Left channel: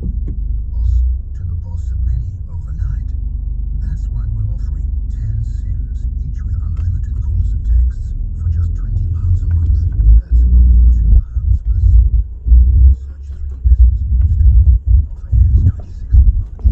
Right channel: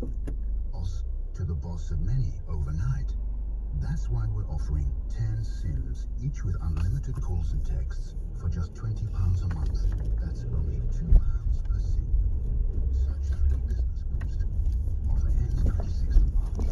Boss to the boss of many overnight. That's why we're offering 10 SIMs, each with unlimited calls and texts for just £20 a month. That's only £2 per SIM. Search free business boost. Offer ends 26th of March.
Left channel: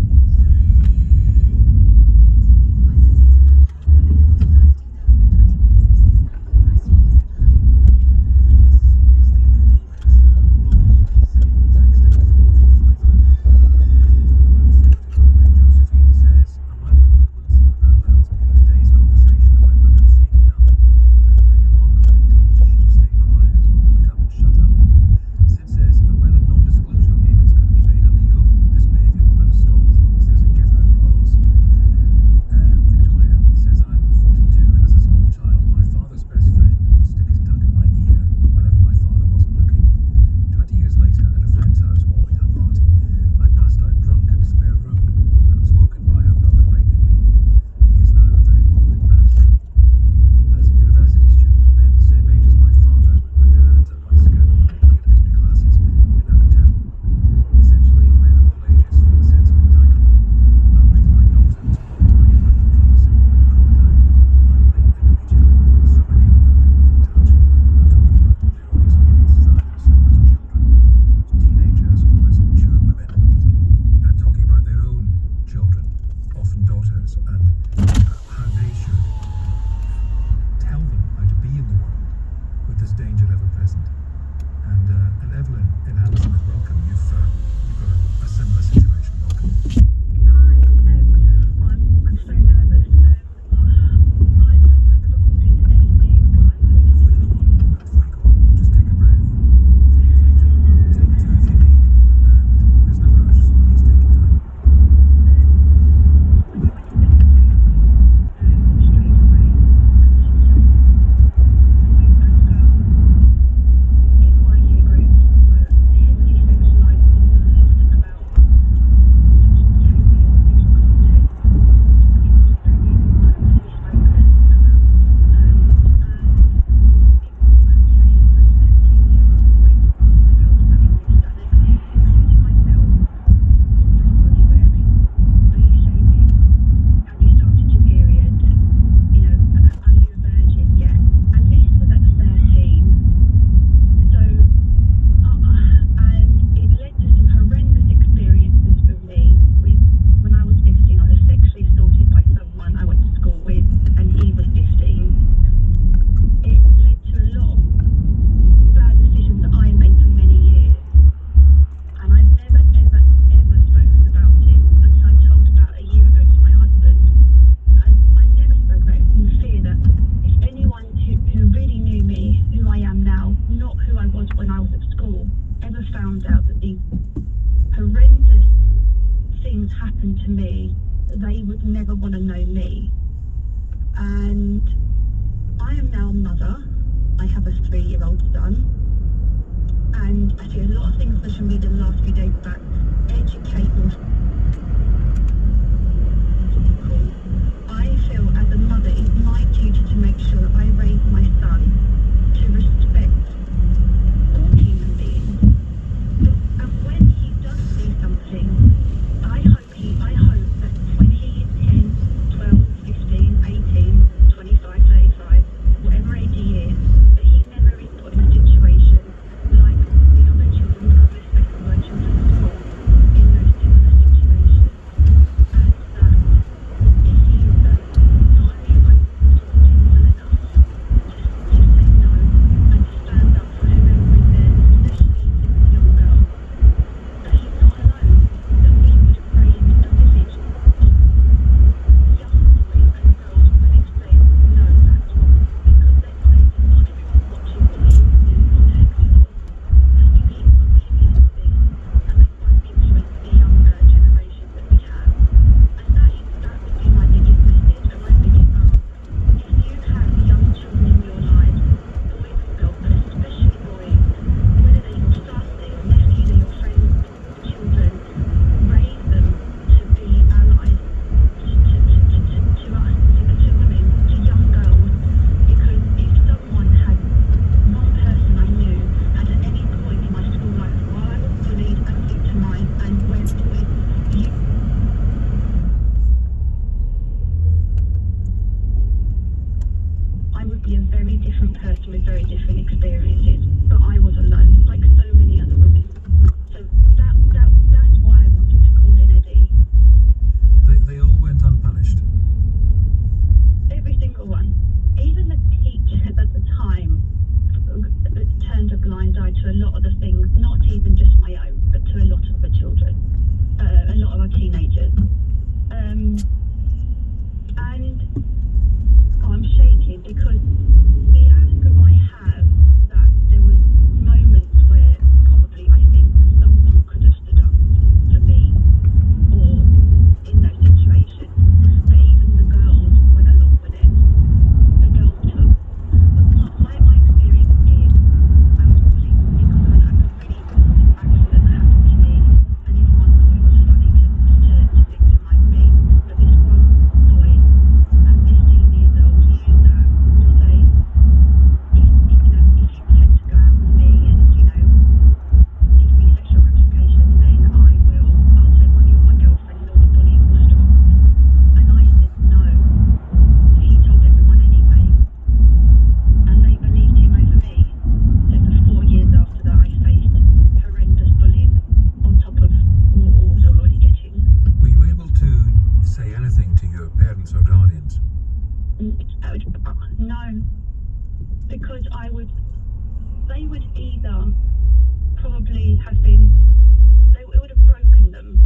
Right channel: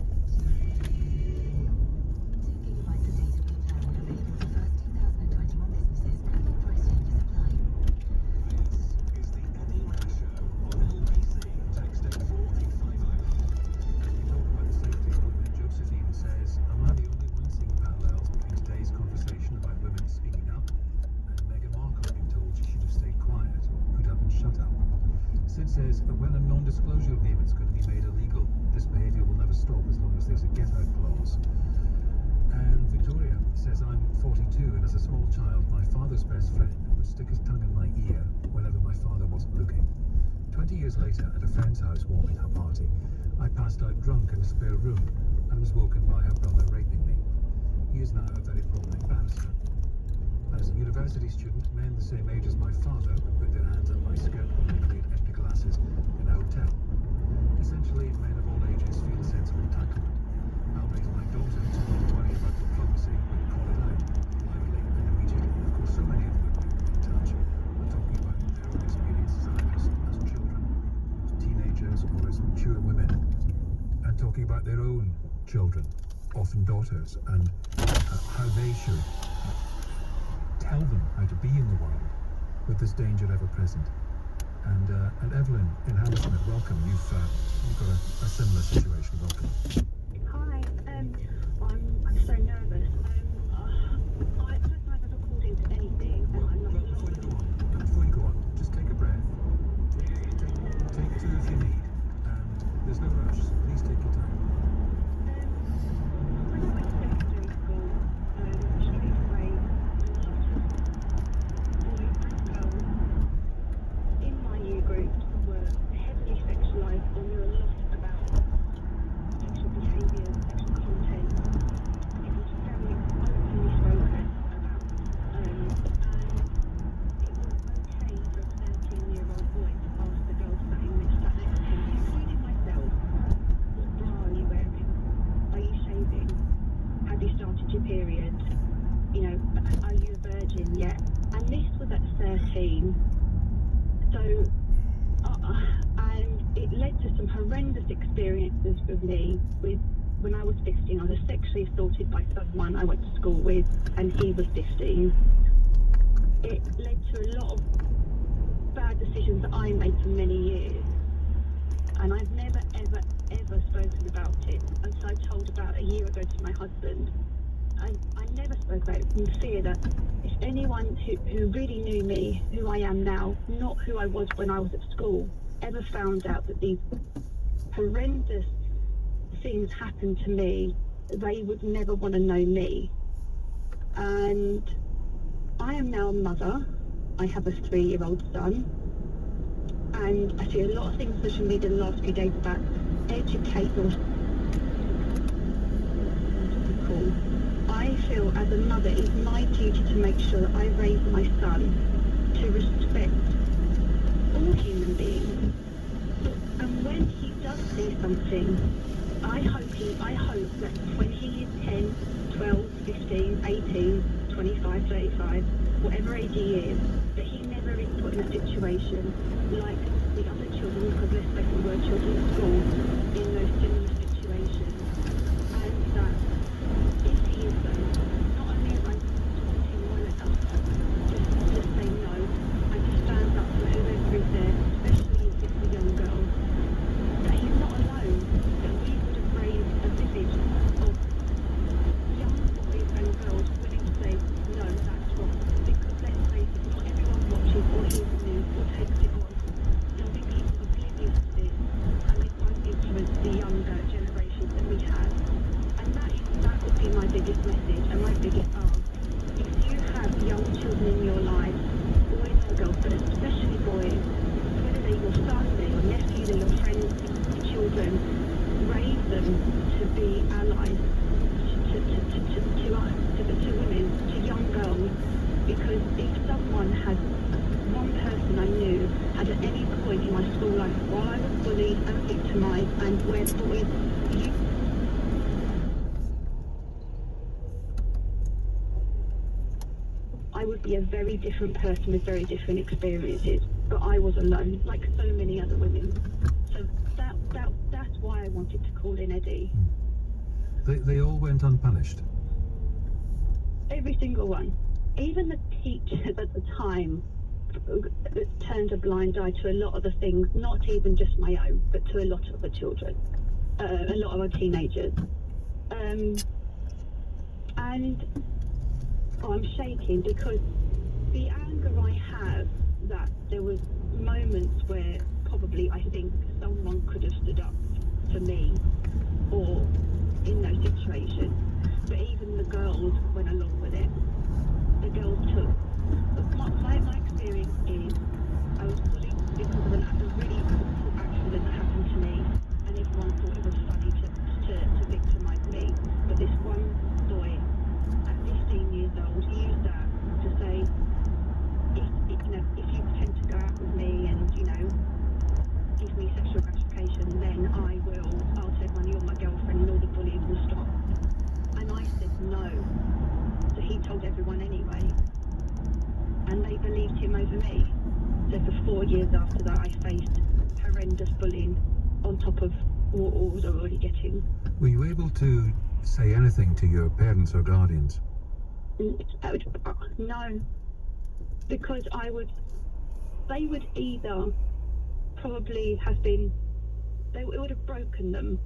Happened to me, they would never want to know me. And I am now a mother. I have a 3-year-old son, and I see a lot of things on social media the last few days about educate your I feel as a mother it's my duty to make sure that I raise my son to respect all human beings. And when he does do something, I hope that when he is 10, 12, 15, 18, 25, 35, whatever age he is, that he never is put in a situation like the other children, who have less that were children at school, in those similar situations. And that if he is not only am I talking to him well enough, just say no and stand and where boys I would be a very different person with very different experiences, but I was alone, like so many other women. So that's why I wanted to call in Eddie. They all went unpunished. Every single one. Even the teachers at the time turned a blind eye to a lot of the things, not even just my own, but to a lot of the children, a lot of our teenagers. And I'm shaking because the anger I have, that there was moments where probably I think someone could have stood up for me or in those situations, but even the girls went along with it. The girls took. My experience is I was bullied because of a really awful accident that happened to me, and everyone thought it was funny to victimise me. But this one boy at 15 years old used that to say, if you pretend to go out with me and give me sexual gratification, then I'll say, "Well, you're my girlfriend," and all the bullying will stop. And I said no. So he told everyone anyway. And they believed him over me. So for 4 years after that, I faced horrendous bullying on top of what I was already getting. Were you able to say anything to your parents or guardians? No. Because they would either probably have been, it would have broken them.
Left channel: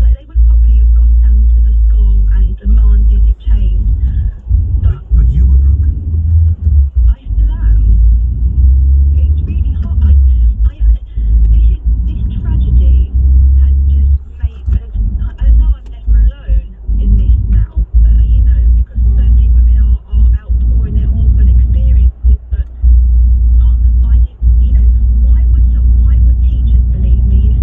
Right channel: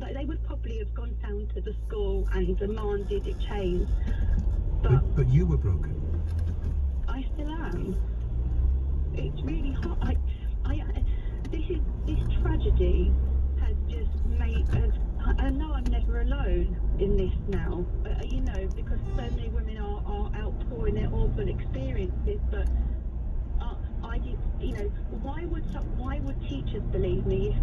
They would probably have gone down to the school and demanded it change. But you were broken. I still am. It's really hard. This tragedy has just made. I know I'm never alone in this now. Because so many women are outpouring their awful experiences. But why would teachers believe me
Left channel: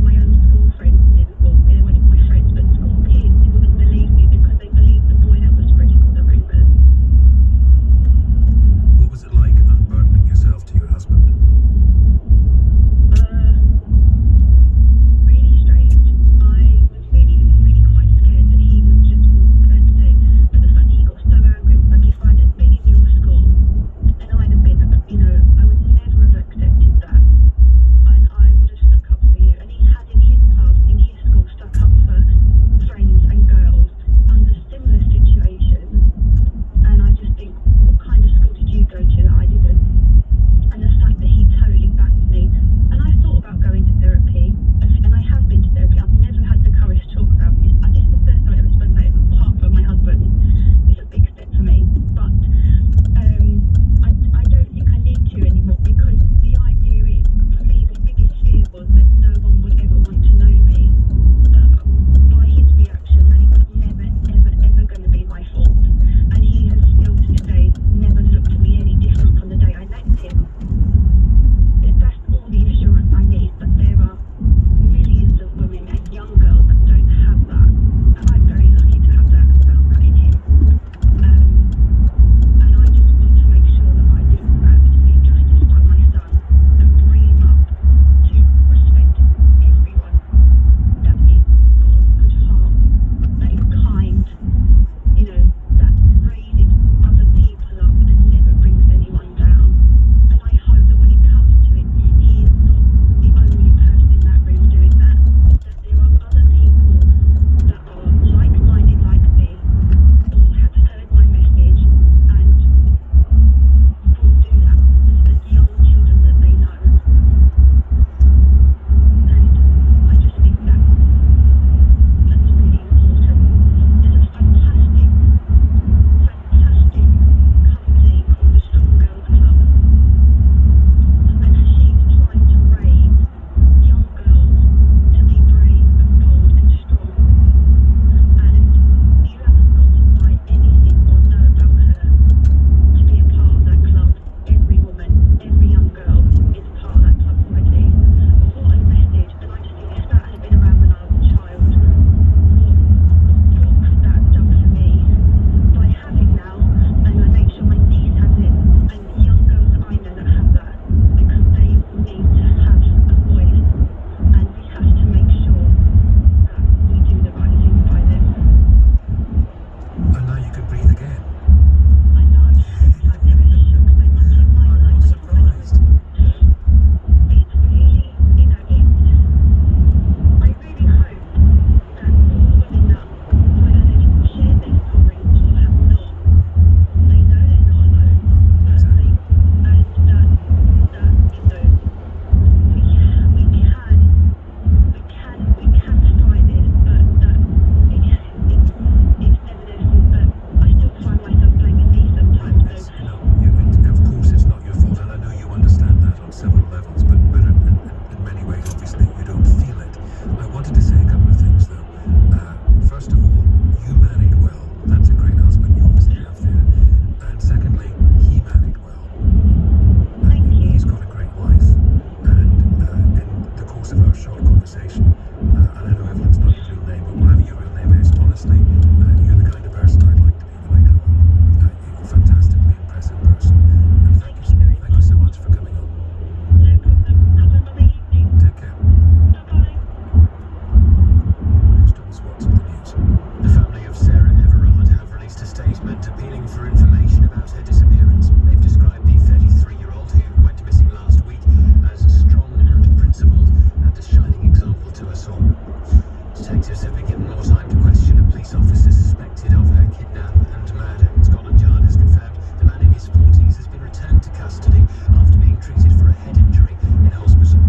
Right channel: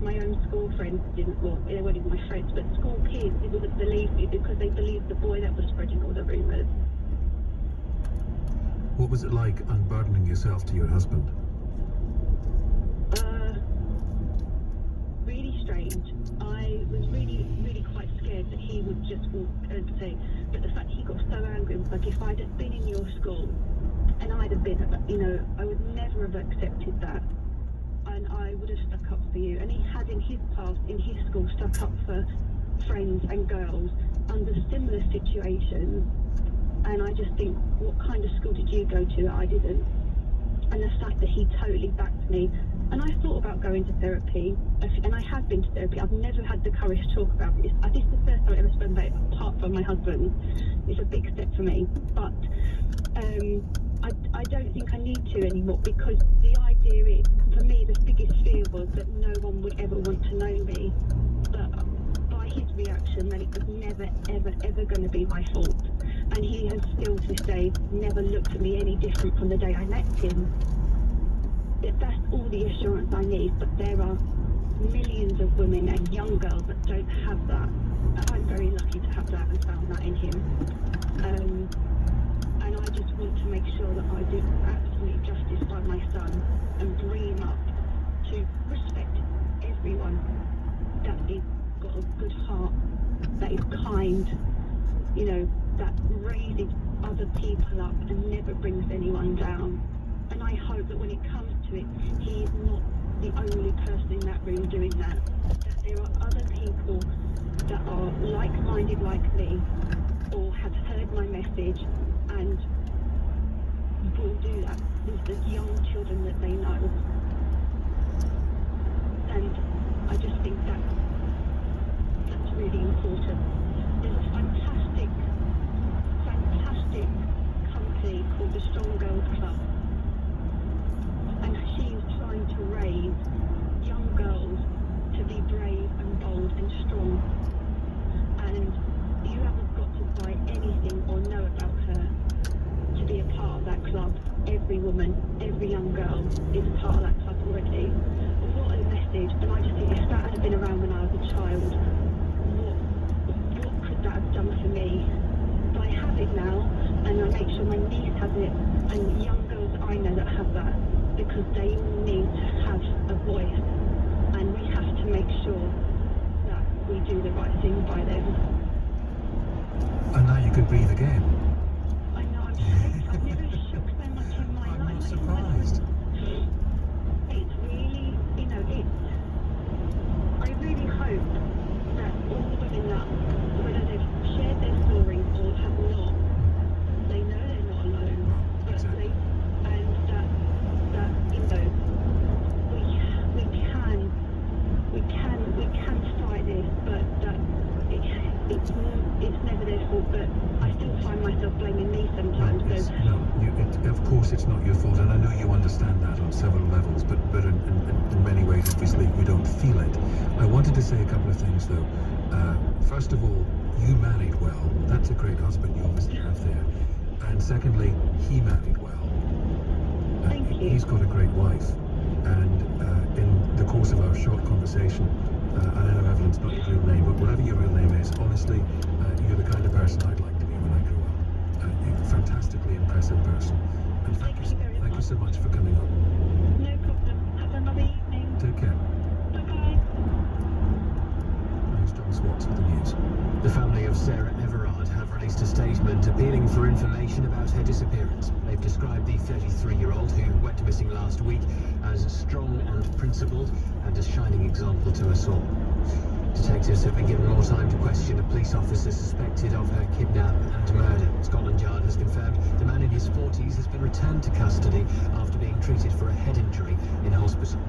detectives have been given more time to question a police officer suspected of her kidnap and murder. Scotland Yard has confirmed the man in his 40s has been returned to custody after being treated for a head injury in hospital.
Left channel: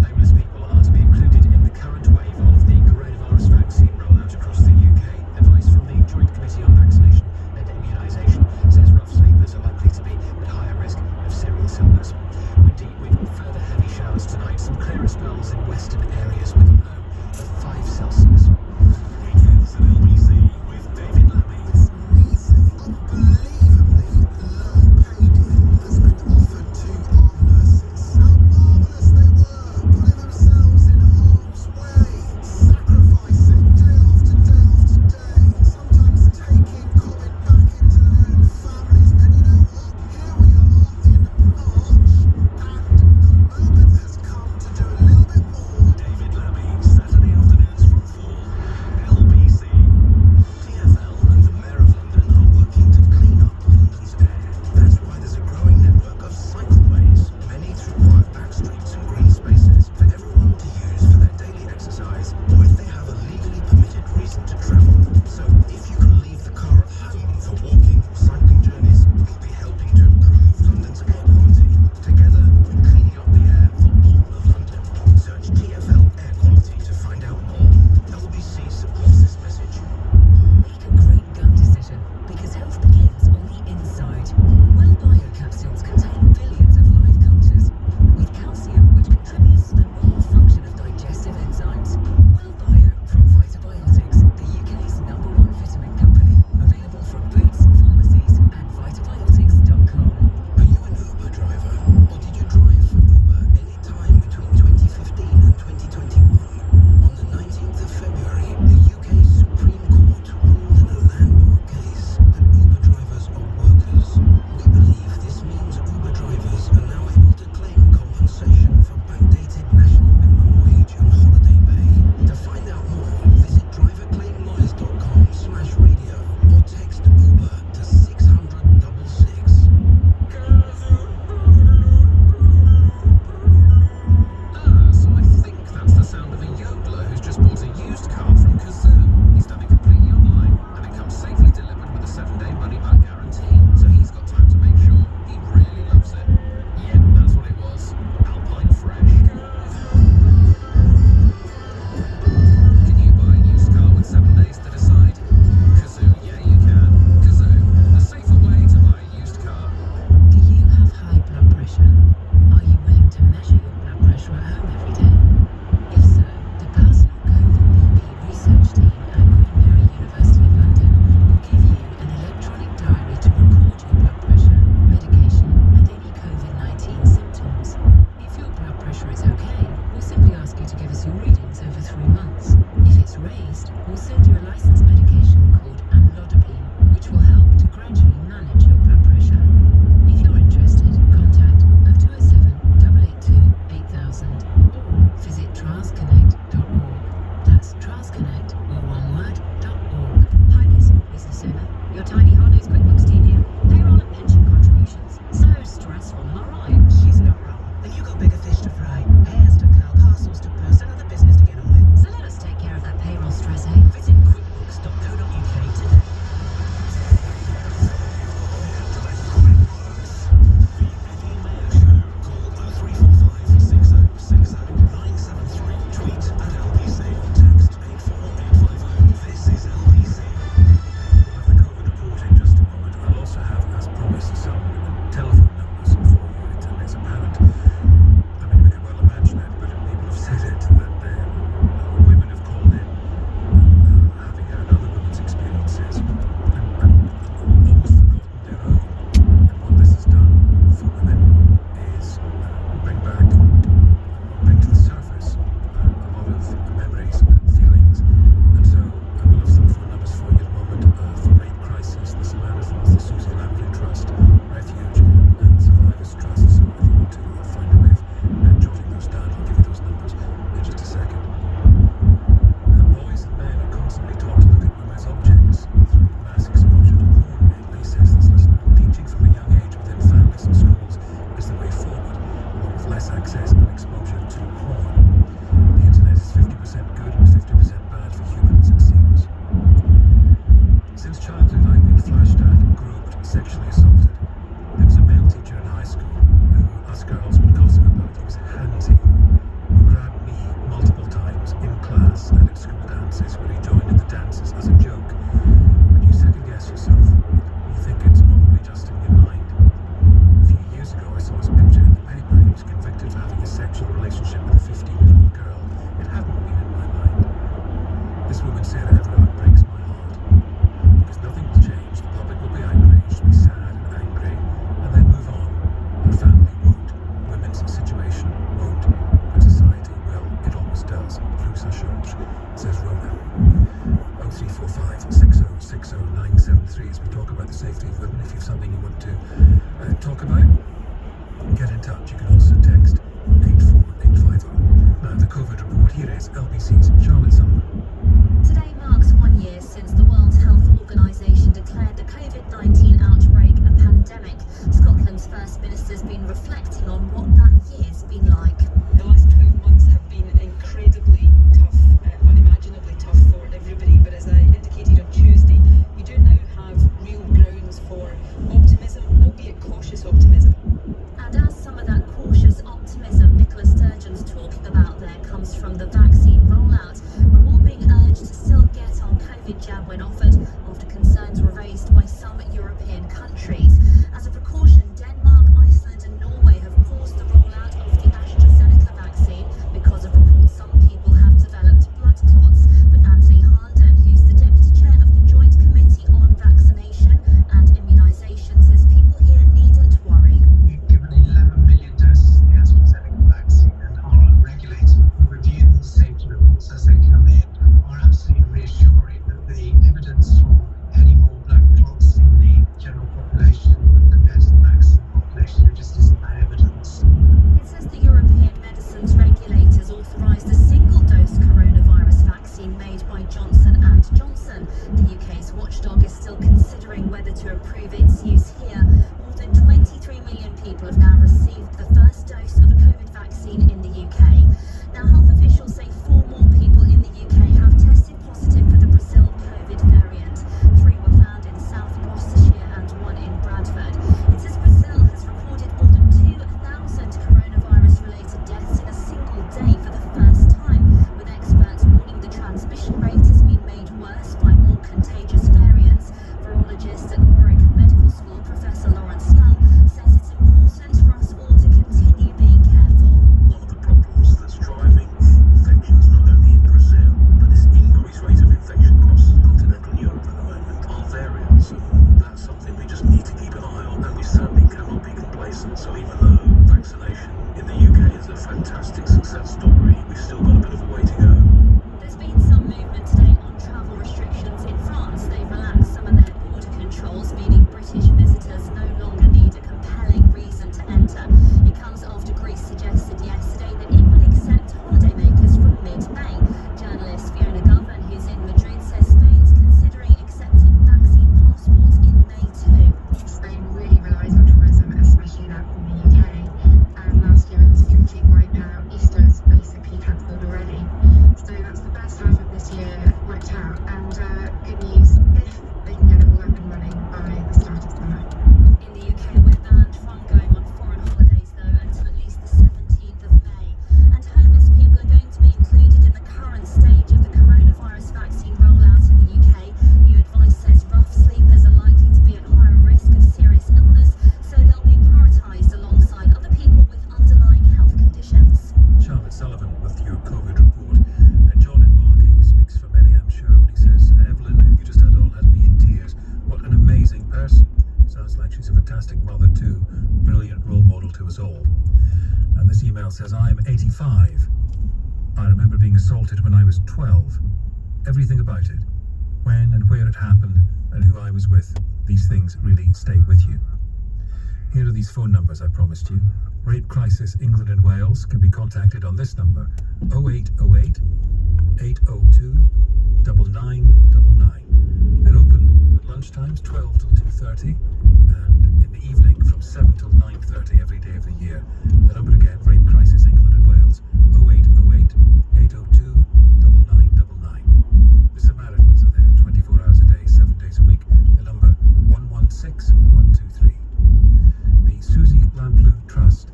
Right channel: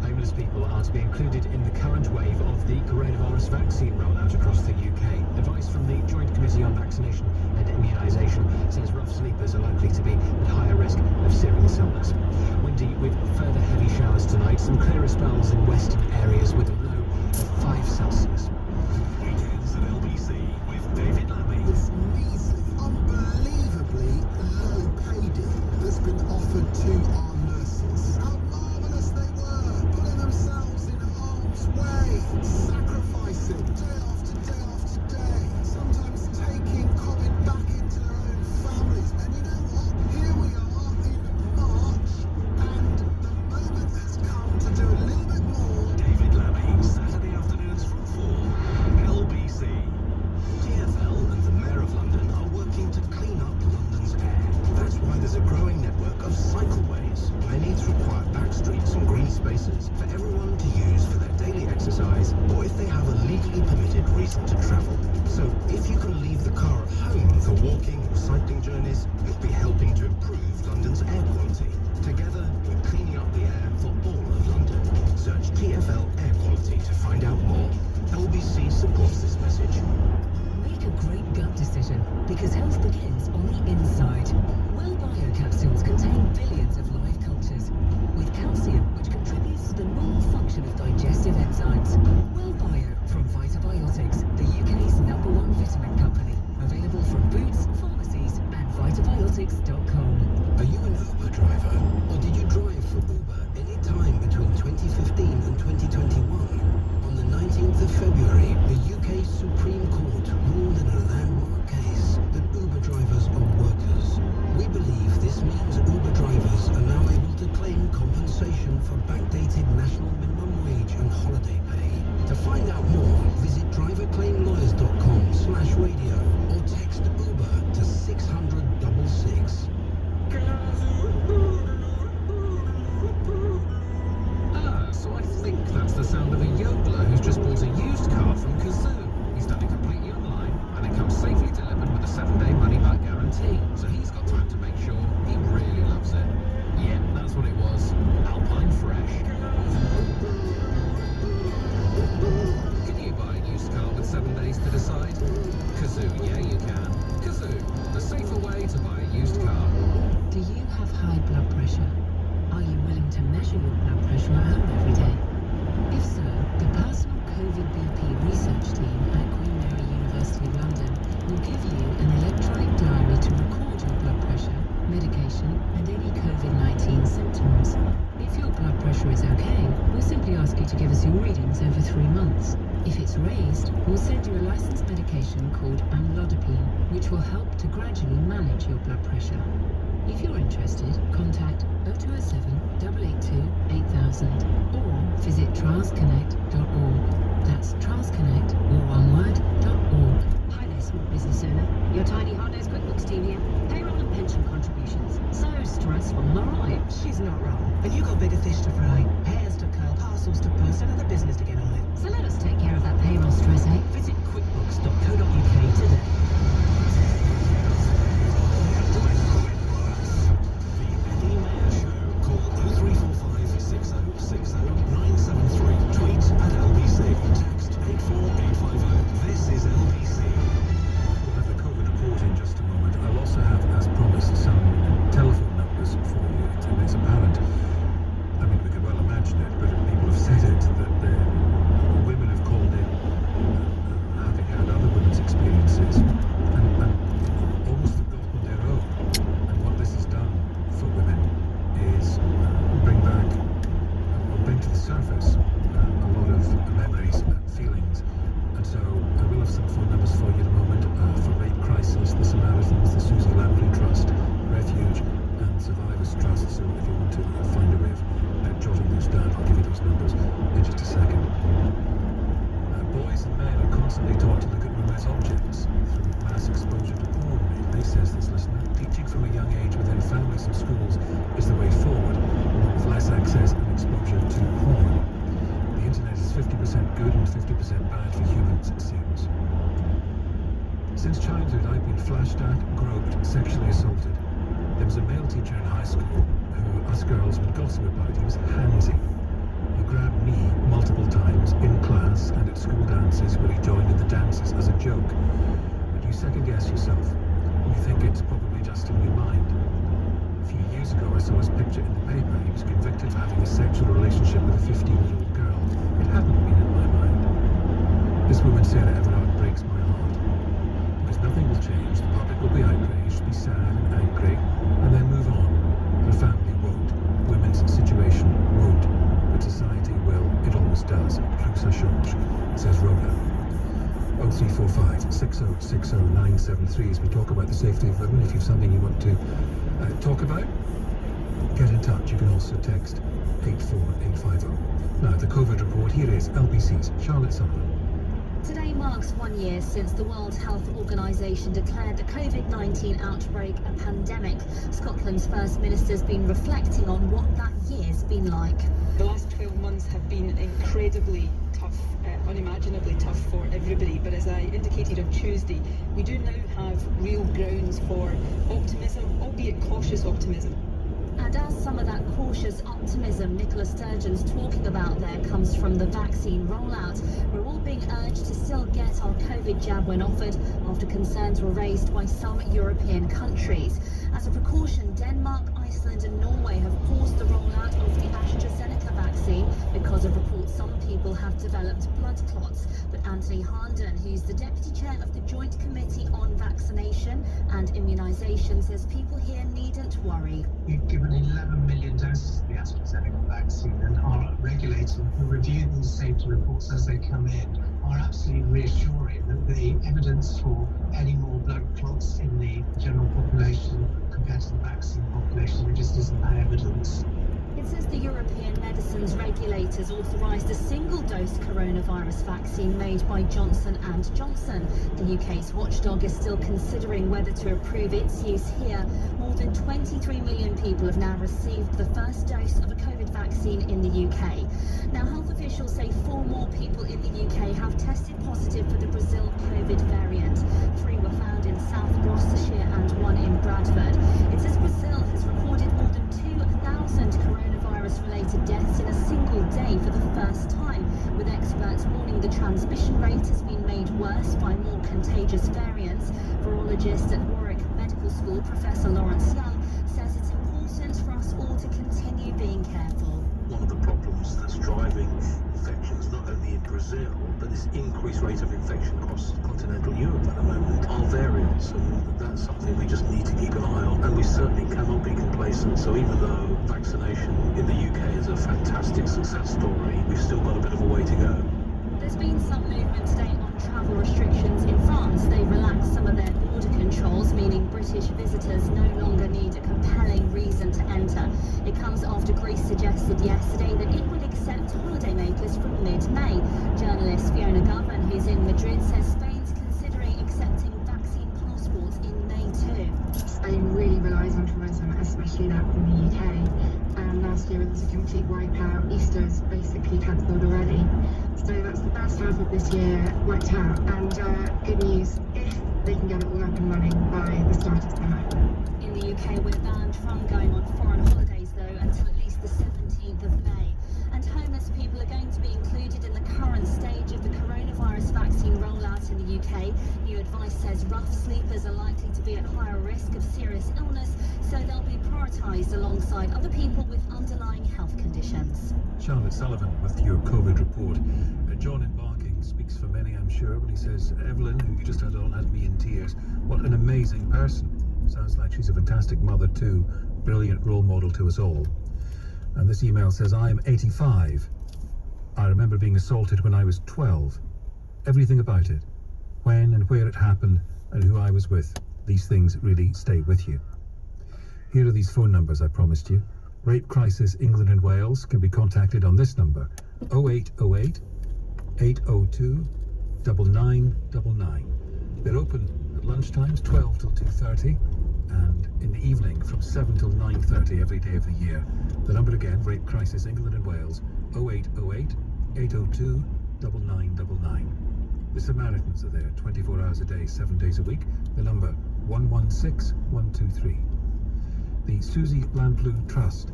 Homeless people are to be included in the current wave of the coronavirus vaccine rollout across the UK. Advice from the Joint Committee on Vaccination and Immunisation says rough sleepers are likely to be at higher risk of serious illness. Windy with further heavy showers tonight, some clearer spells in western areas with a low of 5 Celsius. Weekends at LBC with David Lammy. This measly, unbelievably low pay deal that's been offered to our nurses. How marvellous they were, putting themselves in harm's way, sacrificing day after day after day, sometimes taking COVID back into their own families. And you know what? Here we are in March, and the moment has come to do a little bit more. David Lammy, Saturday afternoons from 4. LBC. TfL and the Mayor of London are working to clean up London's air. That's why there's a growing network of cycleways, many through quiet back streets and green spaces, for everyone to use for their daily exercise or if they have a legally permitted reason to travel. So if you can leave the car at home for walking or cycling journeys, you'll be helping to improve London's air quality. Together, we're cleaning up the air for all of London. Search TfL Air Quality to find out more. LBC supports this message. Make a great gut decision, because health begins on the inside. Well Bio capsules contain billions of live cultures, with calcium which contributes to the normal function of digestive enzymes. Well Bio from Vitabiotics, the UK's #1 vitamin company. Available from Boots, pharmacies and vitabiotics.com. Are you an Uber driver, or did you drive for Uber any time between 2015 and 2021? On the 19th of February, the UK Supreme Court ruled in a landmark case that Uber drivers are workers. We believe this means Uber drivers are now able to claim compensation for backdated national minimum wage and holiday pay. To find out more, visit driverclaimlawyers.com/radio or text Uber to 600-66. So I think that's the sound of a yodeler who's just bought a used car from Kazoo. He's done it completely online, and it comes safely delivered with a 7-day money-back guarantee. So he's got time to make sure he really loves it. Yeah, that's what it was. Alpine Fresh. Can you buy a used car with 7 days to decide? Kazoo, yeah you can. Kazoo, the safer way to buy a used car. Do you have high blood pressure? Are you willing to measure your blood pressure at home every day? If so, the personal COVID BP research team at Queen Mary University of London will give you an electronic diary to record your blood pressure, medication and any COVID-19 symptoms. If your blood pressure is okay, we'll simply ask you to give us your readings over 3 months. If it's raised, we'll send you a licensed medication called amlodipine, which will help to gradually manage your blood pressure. If you're interested, contact 0207 882 8000 or visit trialsconnect.org. That's trialsconnect, all one word, .org. Hi there, small business owner. Your tiny hard-nosed QuickBooks team here. Payroll and pension contributions. So stressful, am I right? She's not wrong. And you got bigger fish to fry, hairs to curl, parcels to burst, and other business to get on with. So let us take care of that payroll stress, eh? Visit quickbooks.co.uk today. The Eddie Mayer Show. Call 0345 6060 973. Tweet at LBC. Text 84850. This is LBC. We'll have the COVID report in just a moment. I'll also have, as promised, some telephone numbers for you. It's apparent. I mean, we can well imagine it, but people have said it. us girls would gossip about. He was handsy. He grabbed me multiple times in class and at school dances when he joined in the dances as a joke. But you second guess yourself. You think it's probably just in your mind. A few years ago I saw his picture in the paper. He was convicted of having a sexual relationship with a 15-year-old girl. It hadn't been in my mind. This woman said Everard breaks my heart. Because nothing will change. The public will be outraged, be sad and angry, and then move on. Her family won't. Women's situation won't. But society will. It always does. Plus ça change, says Rona. 0345 6060 973 as we talk about the safety of women. If you have something you want to talk about, get in touch. You can also text 84850. Now, the COVID report. Here is LBC's Charlotte Sullivan. Today marks 1 year since the World Health Organisation declared the COVID-19 outbreak a pandemic. Scotland's First Minister's been reflecting on what that year's been like. The last 12 months have been incredibly tough, unimaginably tough for everybody. But as I indicated on Tuesday, we do now have real grounds for optimism, albeit cautious optimism. And as some of that cautious optimism Nicola Sturgeon's talking about there comes from the vaccine rollout, we're all being urged to still get our COVID jab when offered after concerns were raised by some European countries. As a precaution, Denmark, Iceland and Norway have paused the rollout of the AstraZeneca vaccine because of reports some people have developed blood clots. But Anthony Harnden, who's the Deputy Chair of the Joint Committee on Vaccination and Immunisation, says people here needn't worry. We've given 11 million doses of the AstraZeneca vaccine, and our regulators who review these safety reports as they come in are absolutely reassuring that the evidence for any more blood clots in the general population compared to the vaccine population, there just isn't that evidence. It says the European medicines regulators authorised a single-dose coronavirus vaccine made by Johnson & Johnson. The UK's watchdog is still considering whether to approve its use here. More than 23 million people have now received the first dose of a COVID vaccine in the UK. Now, health officials say 4 more people in the UK have tested positive for the Brazil COVID variant. 3 were found in South Gloucestershire and 1 in Bradford. It says Brazil has recorded more than 2,000 coronavirus-related deaths in a single day for the first time, with experts warning the transmission rate has been made worse by more contagious variants. Virologist at Warwick Medical School, Professor Lawrence Young, says it's important for us all to continue being careful. One of the problems that's driving infections not only in Brazil, but this increased rate of infection across continental Europe at the moment are variants, and that's something we just need to keep an eye on, and we certainly cannot be complacent. So even though vaccination in the UK is a fantastic success story, we've still got a bit of a way to go. There's been some movement today on travel restrictions in France. They've relaxed some of their border controls, meaning British visitors no longer need a compelling reason to enter. It comes after Greece suggested yesterday that it would accept holidaymakers from mid-May. Journalist Fiona Govan, who's in Madrid, says Spain's considering accepting vaccine passports in May too. Spain really relies on tourism, especially that from the UK. And last year it was a complete wipeout. Easter is basically cancelled already. So that's the first half of this year worked out. And good news, if they can get it all up and running by the start of summer. In the UK, we're banned from going on foreign holidays, though, until at least the 17th of May. And homeless people are going to be included in the current stage of the coronavirus vaccine rollout in the UK. New advice says rough sleepers are likely to be at higher risk of serious illness, so they'll be prioritised alongside other people with underlying health conditions. Charlotte Sullivan with your COVID report. John in Barking speaks for many, I'm sure, when he says Evelyn, who you just had on, had me in tears. What an amazing person. Sounds like she's a fantastic mother too. Brilliant role model to us all. And this email says, I am 85. I remember being assaulted when I was 12. Everything about it. When and where it happened and who I was with. These things really stay with you. Here are these phone numbers I promised you. Rape Crisis England and Wales can be contacted on this number, 0808 802 9999. They're open at lunchtimes 12 till 2:30 and in the evening from 7 till 9:30 every day of the year. The number again, Rape Crisis England and Wales, 0808 802 9999. The Samaritans are there 24 hours a day, 7 days a week. The number 116123. The Susie Lamplugh Trust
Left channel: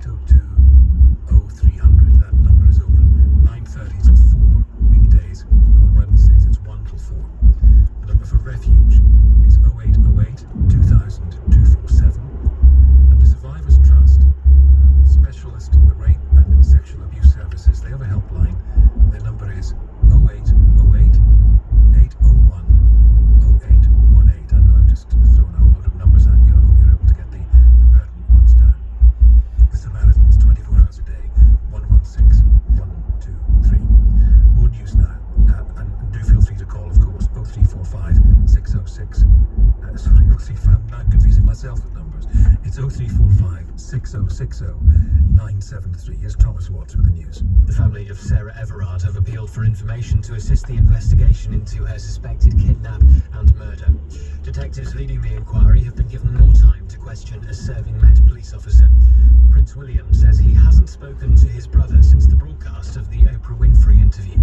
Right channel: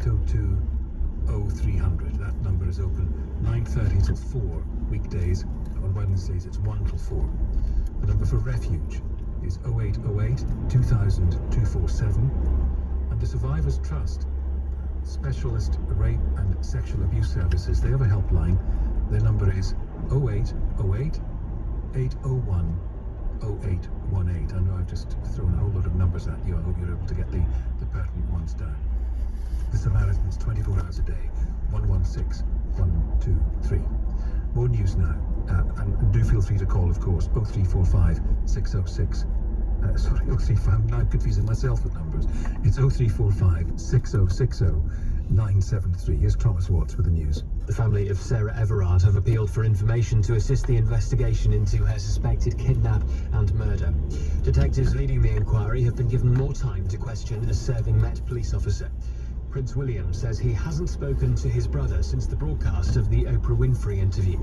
0802 0300. That number is open 9:30 till 4 weekdays. On Wednesdays it's 1 till 4. The number for refuge is 0808 2000 247. And the Survivors Trust, Specialist Rape and Sexual Abuse Services, they have a helpline. Their number is 0808 801 0818. I know I've just thrown a whole lot of numbers at you. I hope you're able to get the pertinent ones down. The Samaritans, 24 hours a day, 116 123. More news now, and do feel free to call, of course, 0345 606. Sorry, 035. I'm now confusing myself with numbers. It's 0345 6060 973. Here's Thomas Watts with the news. The family of Sarah Everard have appealed for information to assist the investigation into her suspected kidnap and murder. Detectives leading the inquiry have been given more time to question a serving Met police officer. Prince William says he hasn't spoken to his brother since the broadcast of the Oprah Winfrey interview.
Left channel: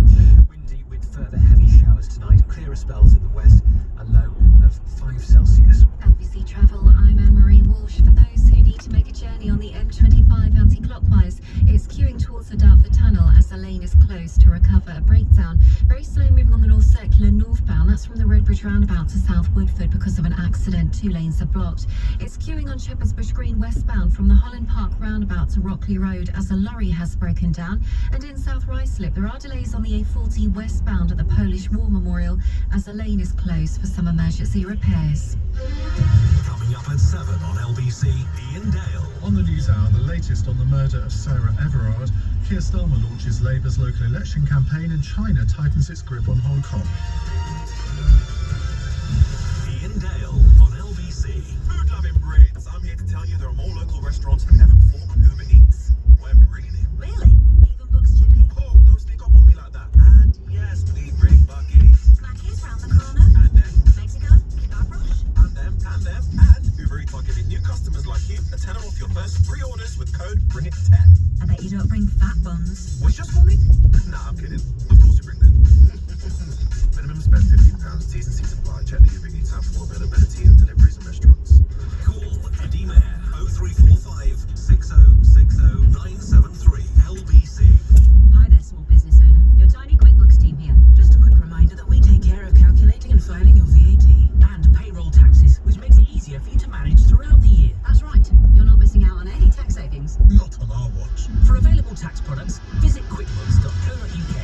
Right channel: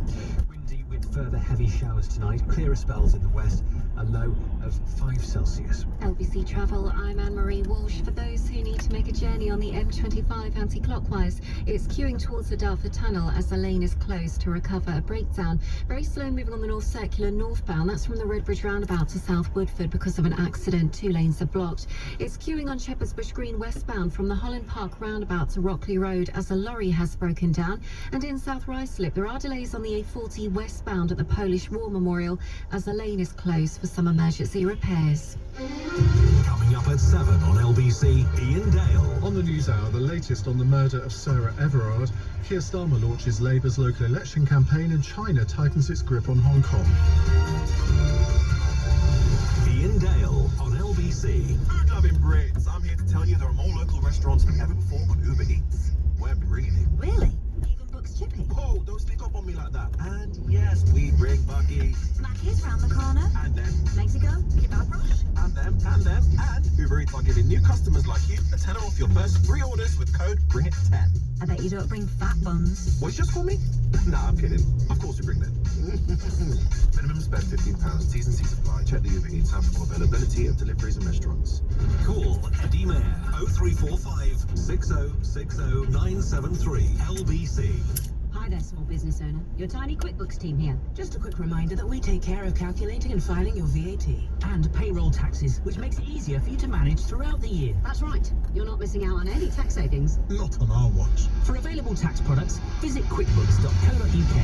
Windy with further heavy showers tonight, clearer spells in the west, a low of 5 Celsius. LBC Travel, I'm Anne-Marie Walsh. For those who need to make a journey on the M25 anti-clockwise, it's queuing towards the Dartford Tunnel as the lane is closed to recover a breakdown. Very slow moving on the North Circular northbound. That's from the Redbridge roundabout to South Woodford because of an accident. 2 lanes are blocked. It's queuing on Shepherd's Bush Green westbound from the Holland Park roundabout to Rockley Road as a lorry has broken down. And in South Ruislip, there are delays on the A40 westbound at the Polish War Memorial as the lane is closed for some emergency repairs. Coming up at 7 on LBC, Ian Dale. On the news hour, the latest on the murder of Sarah Everard. Keir Starmer launches Labour's local election campaign and China tightens its grip on Hong Kong. Ian Dale on LBC. Food-loving Brits, I'm here to tell you there are more local restaurants than ever before on Uber Eats. We're brilliant. Really? Even Books Chippy? Whoa, don't sneak up on me like that. And yes, we bring buggies. Mackies round the corner? And them. Mexico? Kebab rush? And them. And Uber Eats are giving new customers like you a tenner off your first 3 orders with code BRINGIT10. I bet you don't bring fat buns. What, you just call me? Nah, I'm kidding. Of course we bring them. Minimum spend £15. T's and C's apply. Check the Uber Eats app for availability of deliveries and restaurants. Call Eddie Mayer 0345 6060 973 LBC. Hi there, small business owner. Your tiny QuickBooks team here. Just a quick reminder that we take care of calculating and filing your VAT and payroll taxes, which makes it easier for you to manage throughout the year. That's right. You're not missing out on any tax savings. Not on our watch. For available tax products, visit quickbooks.co.uk.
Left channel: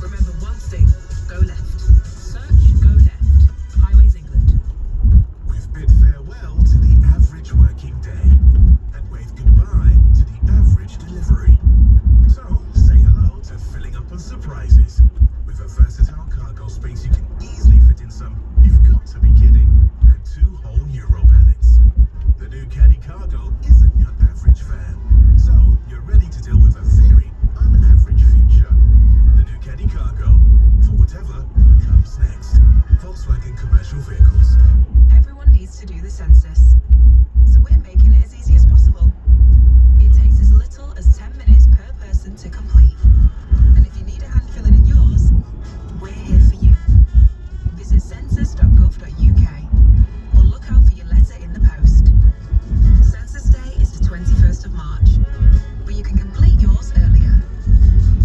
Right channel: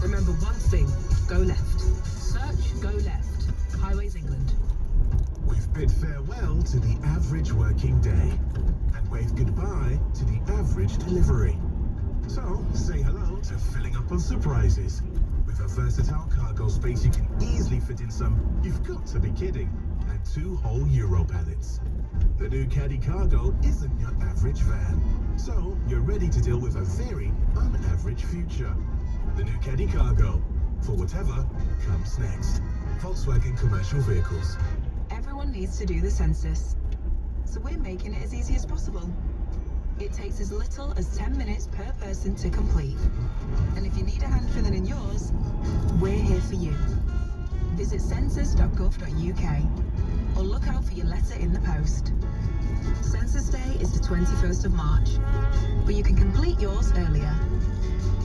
Remember one thing, go left. Search, go left. Highways England. We've bid farewell to the average working day and waved goodbye to the average delivery. So, say hello to filling up on surprises. With a versatile cargo space you can easily fit in some, you've got to be kidding, and 2 whole Euro pallets. The new Caddy Cargo isn't your average van, so you're ready to deal with a very unaverage future. The new Caddy Cargo, for whatever comes next. Volkswagen Commercial Vehicles. Everyone needs to do the census, so we're making it as easy as possible. It takes as little as 10 minutes per person to complete. And if you need a hand filling in yours, we're here for you. Visit census.gov.uk or look out for your letter in the post. Census Day is the 21st of March, but you can complete yours earlier.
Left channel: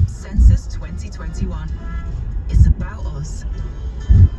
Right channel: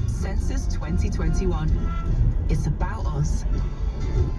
Census 2021. It's about us.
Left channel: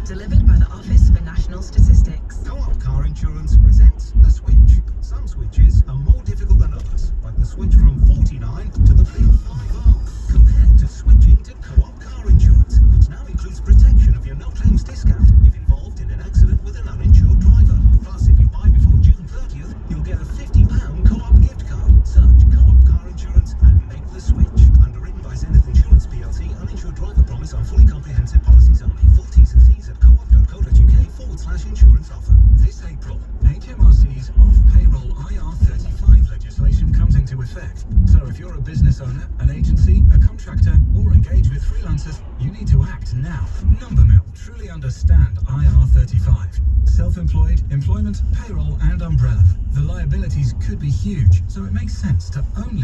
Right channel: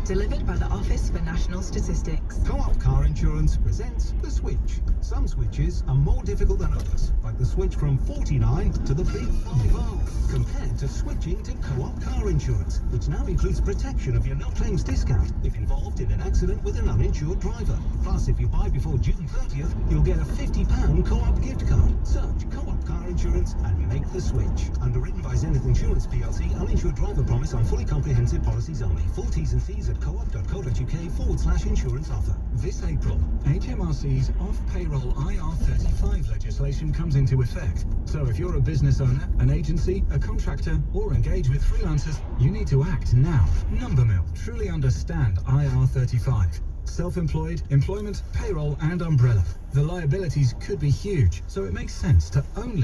Delivered by the Office for National Statistics. Co-op Car Insurance presents The Switch. Some switches are more difficult than others, like the switch from 49 to the big 5. Compared to switching to Co-op Car Insurance, which now includes protection of your no-claims discount if involved in an accident with an uninsured driver. Plus, if you buy before June 30th, you'll get a £50 Co-op gift card. Search Co-op Car Insurance and make the switch. Underwritten by Zenith Insurance PLC. uninsured driver promise on fully comprehensive policies only. Full T's and C's at co-op.co.uk/insurance offer. This April, HMRC's off-payroll IR35 legislation comes into effect. So if you're a business owner, an agency, a contractor, or engage with freelancers, you need to act now. Numbermill truly understand IR35. Self-employed, employment, payroll, and umbrella. The liabilities could be huge, so it makes sense to only